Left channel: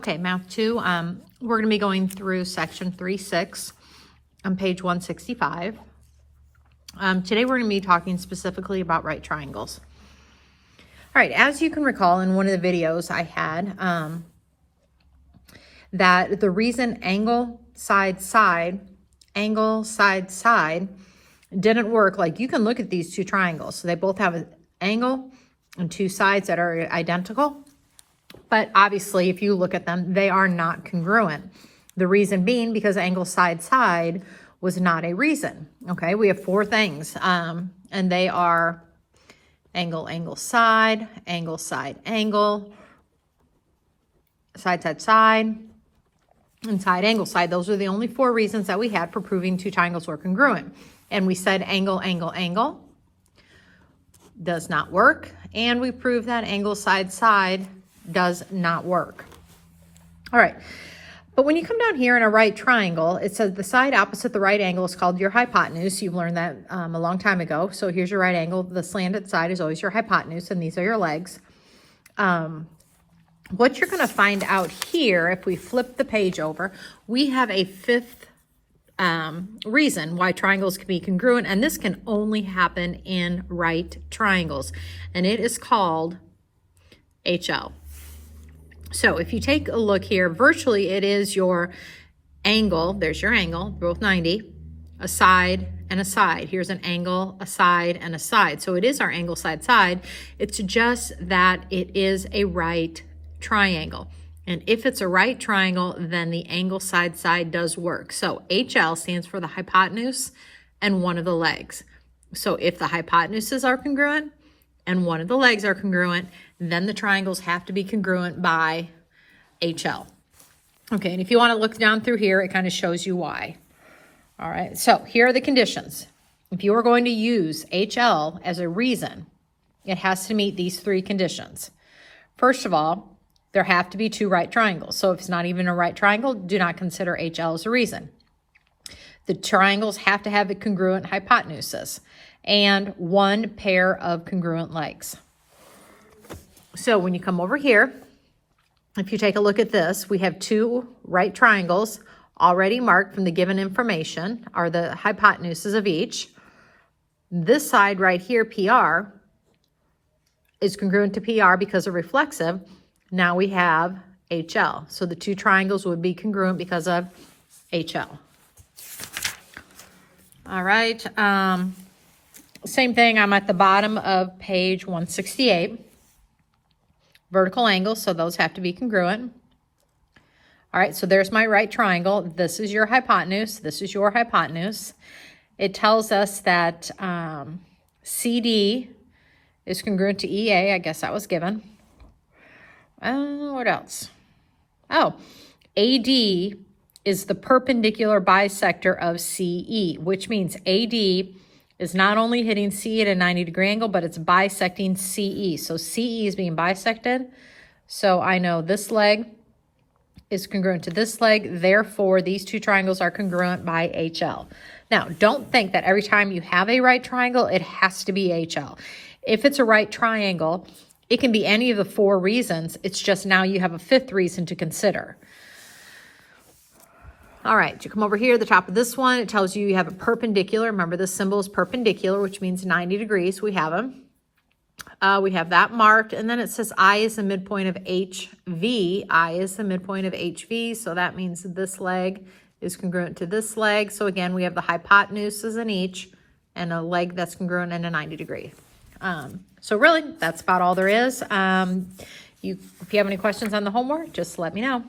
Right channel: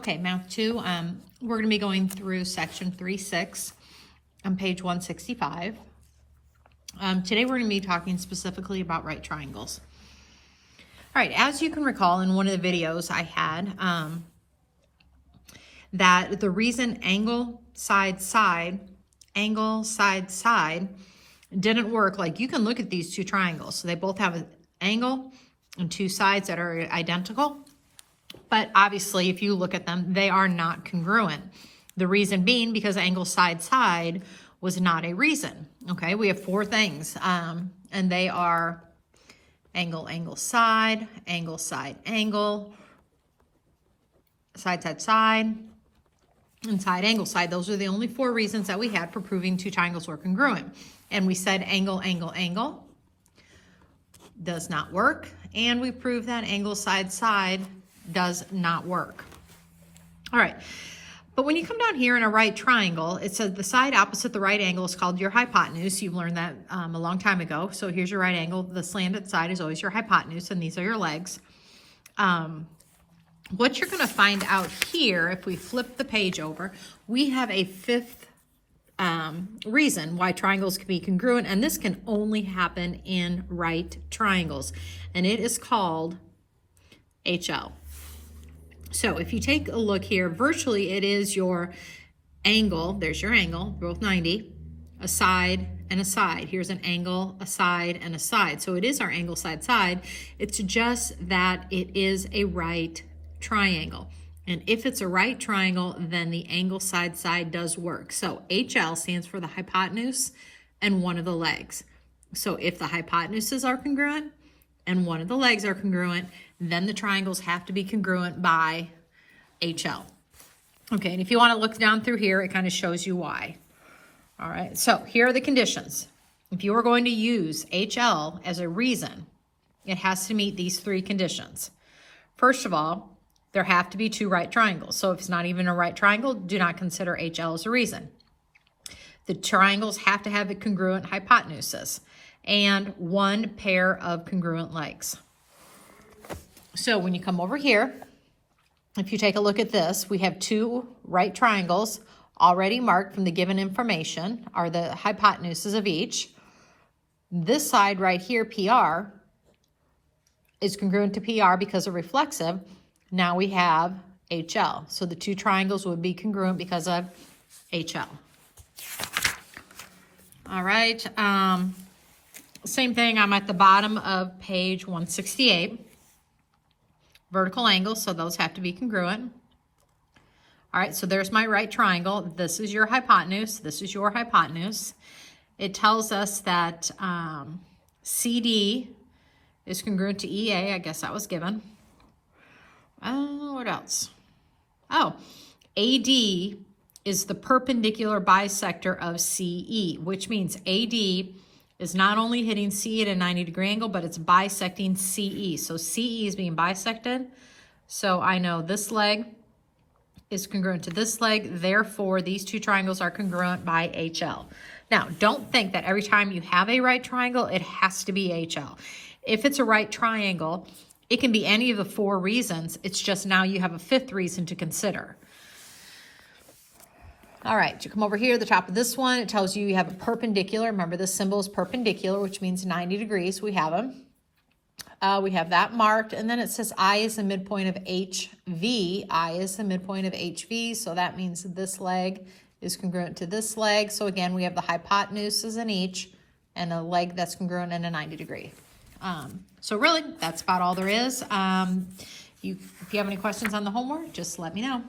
Okay, Math 2, we're going to be going through section 3.6 on page 165. Today we're going to be talking specifically about right triangles. All right, as you can recall in one of the videos I had, that the reason angle, side, side didn't work, like you can look at these two triangles. So they both have an angle and two sides that are identical. But obviously, if you look at them, they are not congruent. The reason being because angle, side, side was not a reason. Okay, we have four things, and they are angle, angle, side, angle, side, angle, side, side, side, and side, angle, side. Those are the only four reasons that we had for proving two triangles were congruent. And we said angle, angle, angle does not work. And we proved that angle, side, side does not work. All right. But when you come down here in a right triangle, it says the side opposite the right angle is called your hypotenuse. You've learned that a long time ago. So here's your right angle. The slanted side is always your hypotenuse, and these are your legs. What you're going to find out here, if we flip the page over, we have a fifth reason why triangles can be congruent, and this can only happen in right triangles, and it is called HL. So if you take a look here, virtually it is your angle, there's your angle, both 90, a side and a side. Here's an angle, a side, and a side. So it is our angle, side, side. It's just that it is a right triangle. And if it's a right triangle, then the angle, side, side does work. So HL stands for the hypotenuse and one of the legs. So if the hypotenuses are congruent and one of the legs are congruent, then the triangles have to be congruent by HL. Okay, and if you want to look down through here, it kind of shows you why. All right, so here are the conditions. If you are going to use HL as a reason, it has to meet these three conditions. First of all, there have to be two right triangles. So if it's not even a right triangle, do not consider HL as a reason. The triangles have to have a congruent hypotenuses and one pair of congruent legs. So when you come over here, if you take a look at this, we have two right triangles already marked from the given information, are the hypotenuses of each. This side right here, PR, is congruent to PR because of reflexive. Now we have HL. So the two triangles would be congruent because of HL. All right. Same thing, I'm at the bottom of page 168. Vertical angles, so those have to be congruent. All right, so there's my right triangle. This is your hypotenuse. This is your hypotenuse. It tells us that CD is congruent to EA. I guess that was given. What else? Oh, AD is the perpendicular bisector of CE, which means AD is not only hitting CE at a 90-degree angle, but it's bisecting CE. So CE is being bisected. So I know this leg is congruent to this leg. Therefore, these two triangles are congruent by HL. Now, don't think that every time you have a right triangle, it has to be HL. If it's a right triangle, it can be any of the four reasons. It's just now you have a fifth reason to consider. All right, you come over here, the top of this one, it tells you you have a perpendicular. Remember, this symbol is perpendicular, which means 90 degrees. We have them. We have that marked, and then it says I is the midpoint of HV. I is the midpoint of HV, so that means this leg is congruent to this leg. So again, we have the hypotenuses in each, and a leg that's congruent in a 90 degree. So really, that's about all there is. If you have any questions on the homework, just let me know.